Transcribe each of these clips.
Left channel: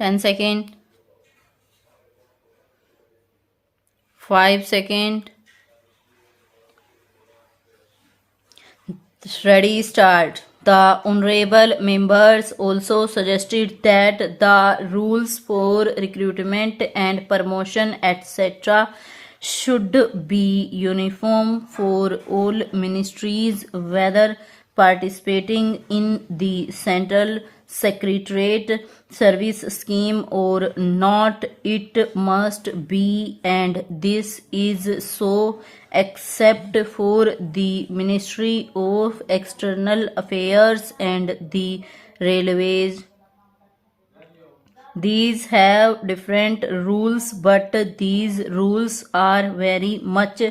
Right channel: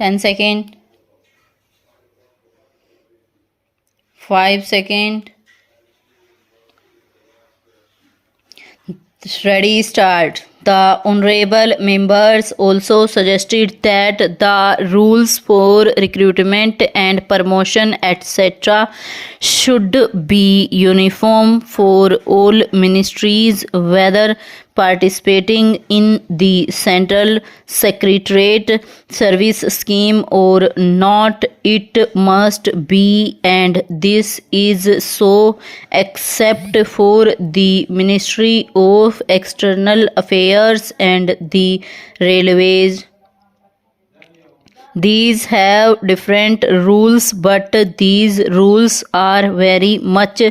10 second, 5 second. Ready, start. The honorable members also suggested that the rules for recruitment and promotion etc. should be uniform for all ministries, whether participating in the central secretariat service scheme or not. It must be, and this is so except for the Ministry of External Affairs and the Railways. These have different rules, but these rules are very much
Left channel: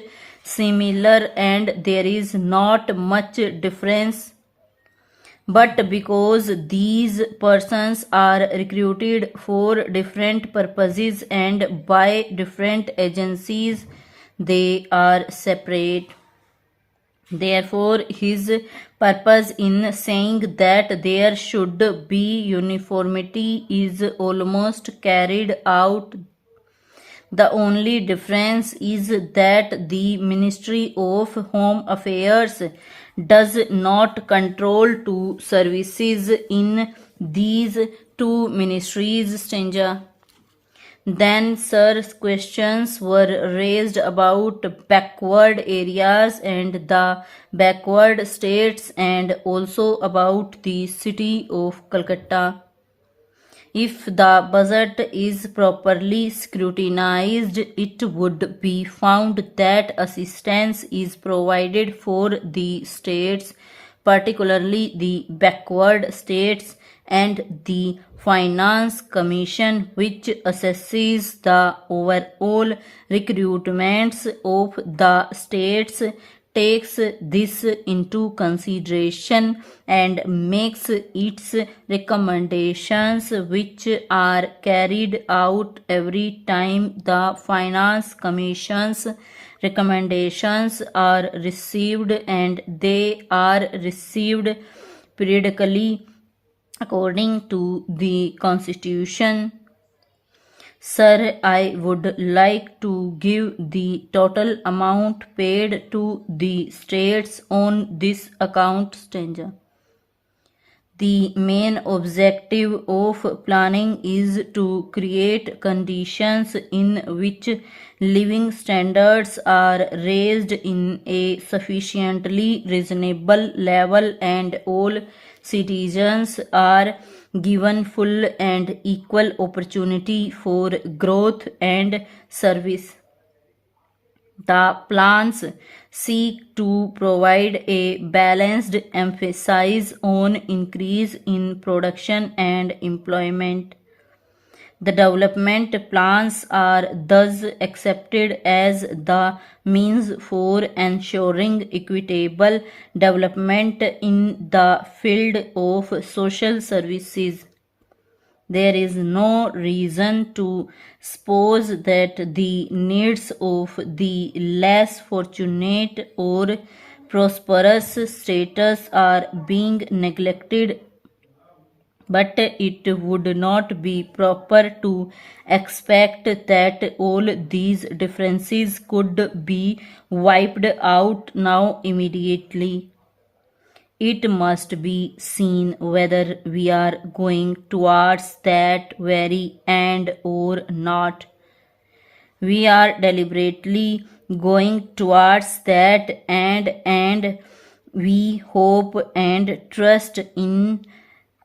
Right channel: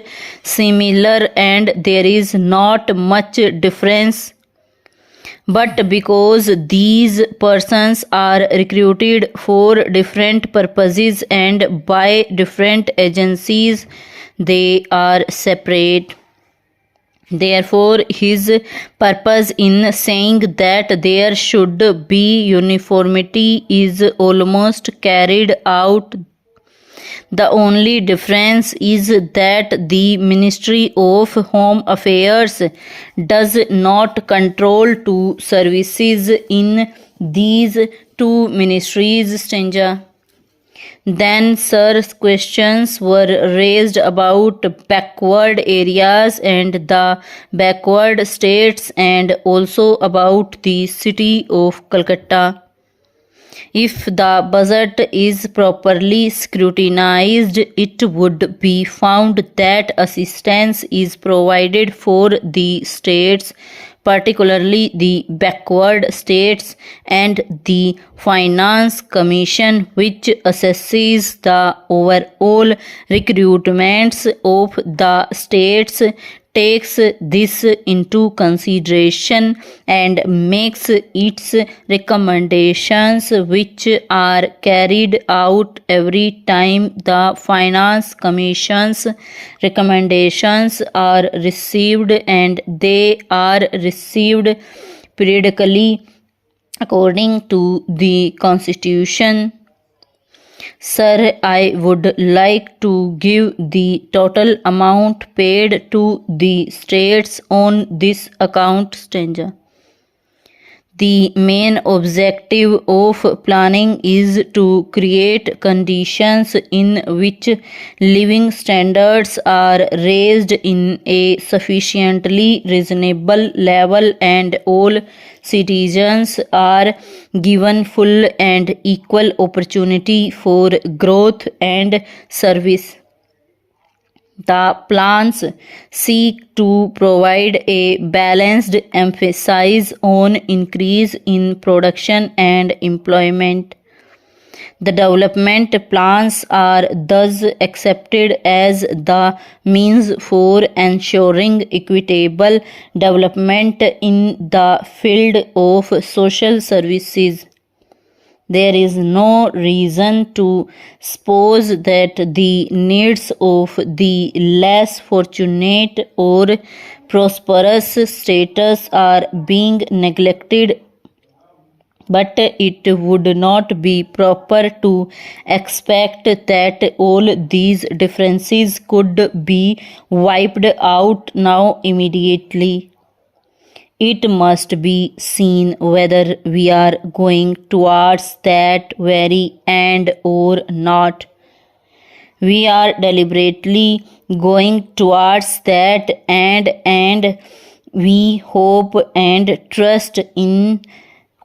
similar and there is not much difference. But because these persons are recruited for different purposes and by different agencies, they are separate. Therefore, his purpose in saying that there should be uniformity is almost carried out. The only difference is that the Ministry of Home Affairs does not control two services in these two ministries. Stanza. Then, sir, questions were raised about backward areas and the backward states and also about the city of Calcutta. If the budget is properly scrutinized, it would be found that assistance is provided for the states, particularly the backward states, and the Finance Commission, which assesses the overall recruitments of the states, takes this into consideration and makes its recommendations, which are carried out every time the Finance Commission's recommendations are received, and they are received periodically according to the Constitution. Sir, I would like to give the total amount paid to the states on this account. Stanza. The main objective of planning is to create conditions in which living standards are raised in a sufficiently reasonable level and all citizens are given full and equal opportunity for growth and service. The plans seek to provide a balanced emphasis on increase in production and employment. The development plans are thus accepted as the means for ensuring equitable development in the field of social services. There is no reason to suppose that the needs of the less fortunate or prosperous status are being neglected, but it would not be proper to expect that all these differences could be wiped out now immediately. It must be seen whether we are going towards that very end or not. We are deliberately going towards that end, and we hope and trust in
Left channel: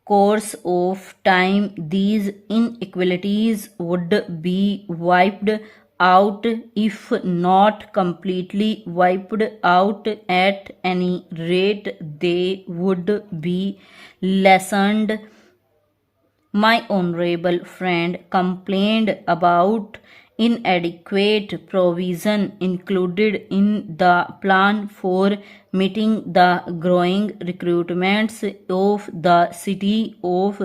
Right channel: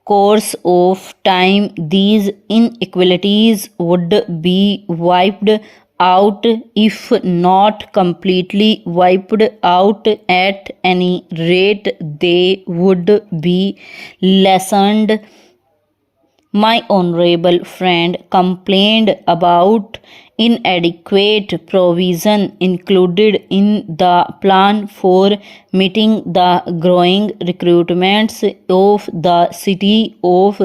course of time these inequalities would be wiped out, if not completely wiped out, at any rate they would be lessened. My honorable friend complained about inadequate provision included in the plan for meeting the growing recruitments of the city of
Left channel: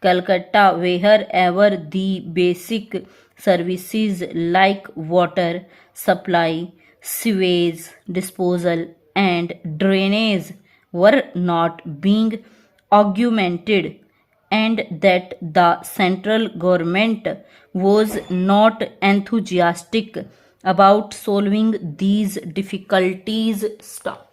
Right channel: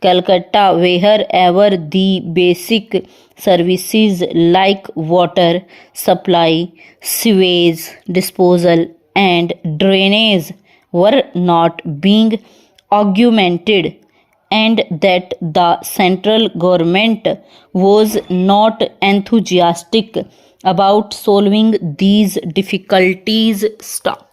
Calcutta, wherever the basic services like water supply, sewage disposal, and drainage were not being augmented, and that the central government was not enthusiastic about solving these difficulties. Stop.